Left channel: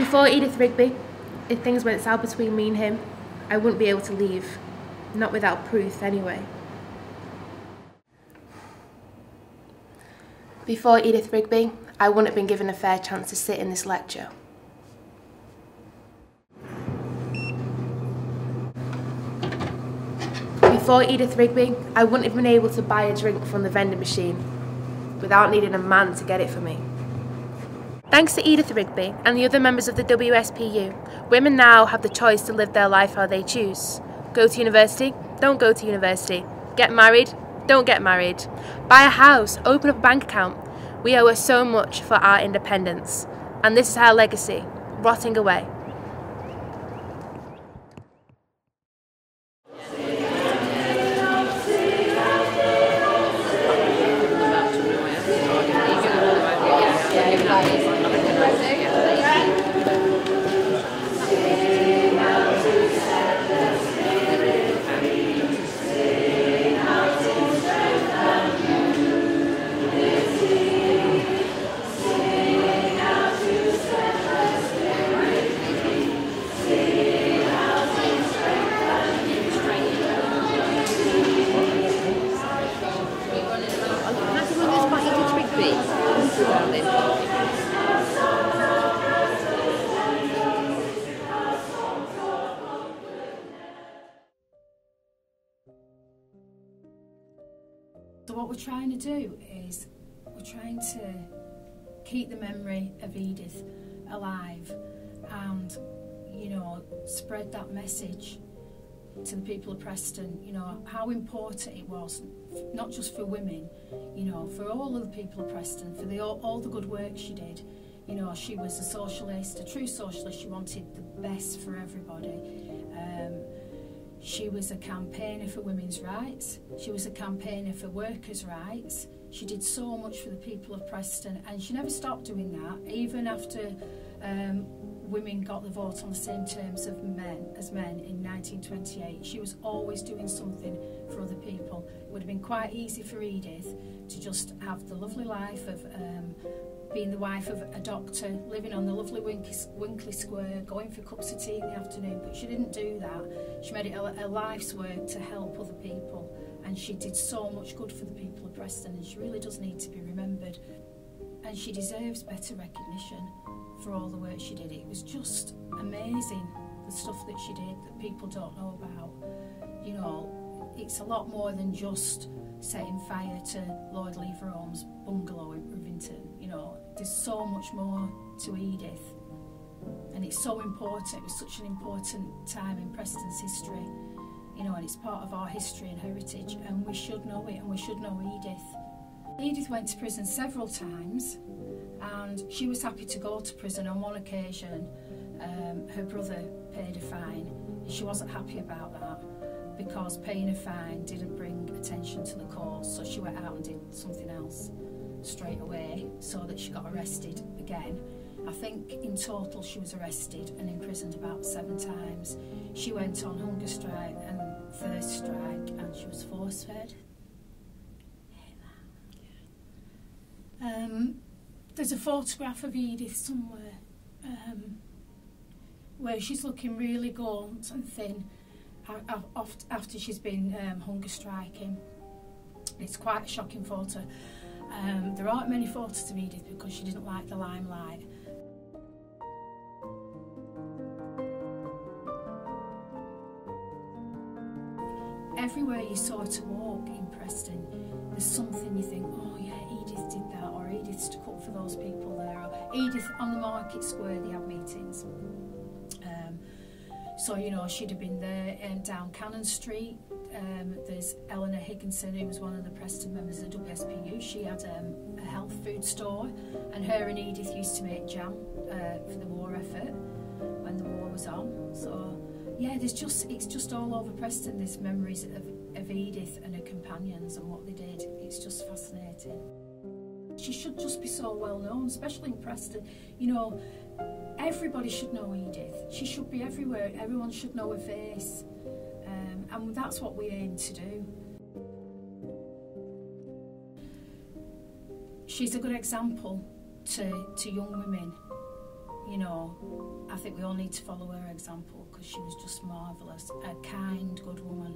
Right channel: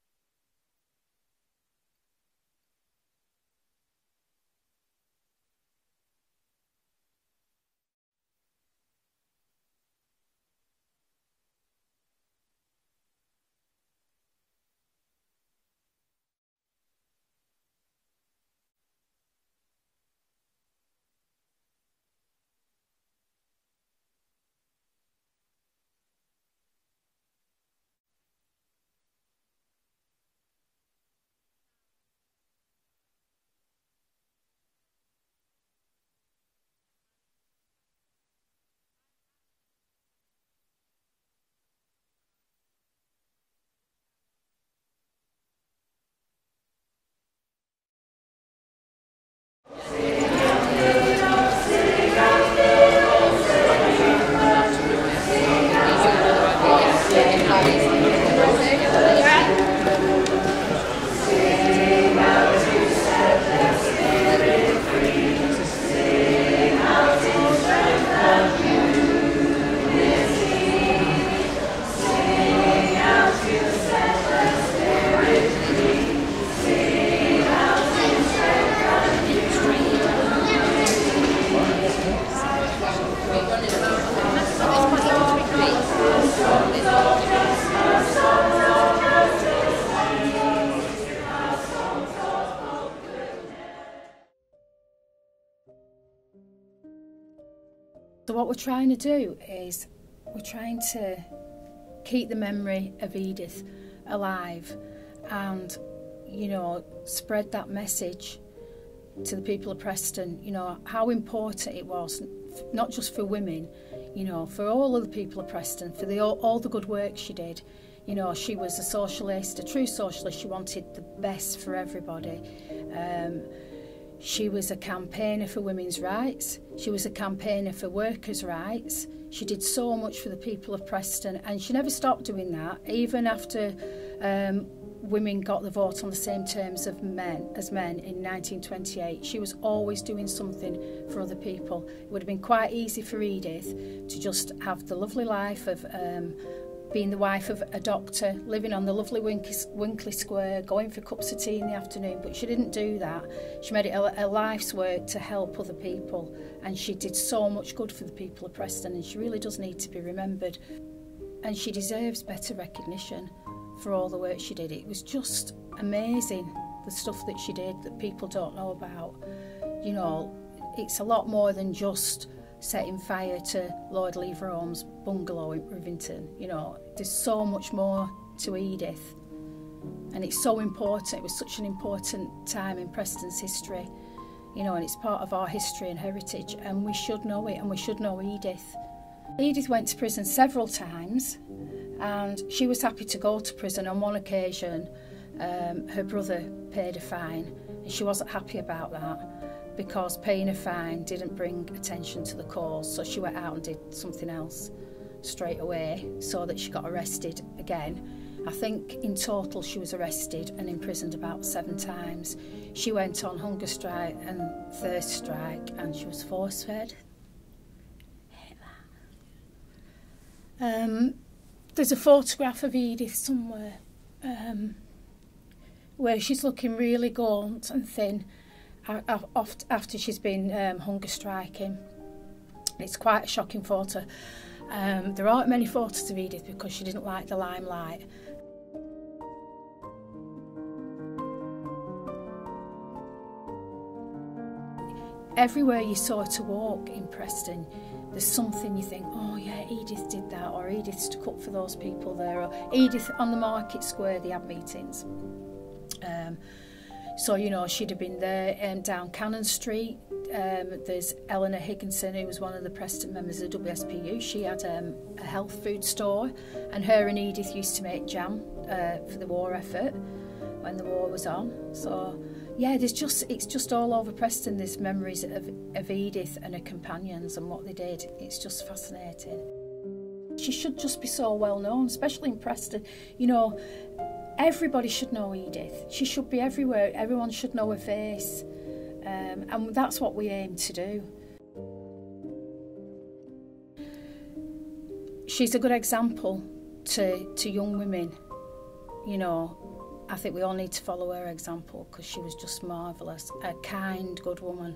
Before Edith Rigby, if things went south between me and him, I wouldn't be able to leave. Not without proof, anyway. Before Edith Rigby, I wouldn't have been given a fair chance to sit in this lecture. Before Edith Rigby, I wouldn't have been able to buy a drink from the vending machine without needing a man to get it for me. Thanks to Edith Rigby and the other members of the WSPU, women now have the choice to live their life how they choose. Go to university, don't go to university. Get married, don't get married. Buy a house, open up a bank account. We owe her so much for our independence. And this is our legacy, rotting away. So what we're trying to do is we're trying to keep the memory of Edith alive and, you know, spread that message to the people of Preston, you know, how important it was, not just for women, you know, for all of the people of Preston, for all the good work she did. You know, she was a socialist, a true socialist. She wanted the best for everybody. She was a campaigner for women's rights. She was a campaigner for workers' rights. She did so much for the people of Preston, and she never stopped doing that, even after women got the vote on the same terms as men in 1928. She was always doing something for other people. It would have been quite easy for Edith to just have the lovely life of being the wife of a doctor, living on the lovely Winkley Square, going for cups of tea in the afternoon, but she didn't do that. She made it a life's work to help other people, and she did so much good for the people of Preston, and she really does need to be remembered. And she deserves better recognition for all the work she did. It was just amazing, the stuff that she did that people don't know about. You know, it's a lot more than just setting fire to Lord Leverhulme's bungalow in Rivington. You know, there's so much more to Edith, and it's so important. It was such an important time in Preston's history, you know, and it's part of our history and heritage, and we should know it, and we should know Edith. Edith went to prison several times, and she was happy to go to prison. On one occasion, her brother paid a fine, and she wasn't happy about that, because paying a fine didn't bring attention to the cause, so she went out and did something else straight away, so that she got arrested again. I think in total she was arrested and imprisoned about 7 times. She went on hunger strike and thirst strike, and she was force-fed. There's a photograph of Edith somewhere where she's looking really gaunt and thin after she's been hunger striking. It's quite a shocking photo. There aren't many photos of Edith because she didn't like the limelight. Everywhere you saw her to walk in Preston, there's something you think, oh yeah, Edith did that, or Edith stuck up for those people there, or Edith on the market square, they had meetings. So, you know, she'd have been there, down Cannon Street. There's Eleanor Higginson, who was one of the Preston members of the WSPU. She had a health food store, and her and Edith used to make jam for the war effort when the war was on. So, yeah, it's just all over Preston, there's memories of Edith and her companions and what they did. It's just fascinating. She should just be so well known, especially in Preston. You know, everybody should know Edith. She should be everywhere. Everyone should know her face. And that's what we aim to do. She's a good example to young women you know, I think we all need to follow her example because she was just marvellous, a kind, good woman.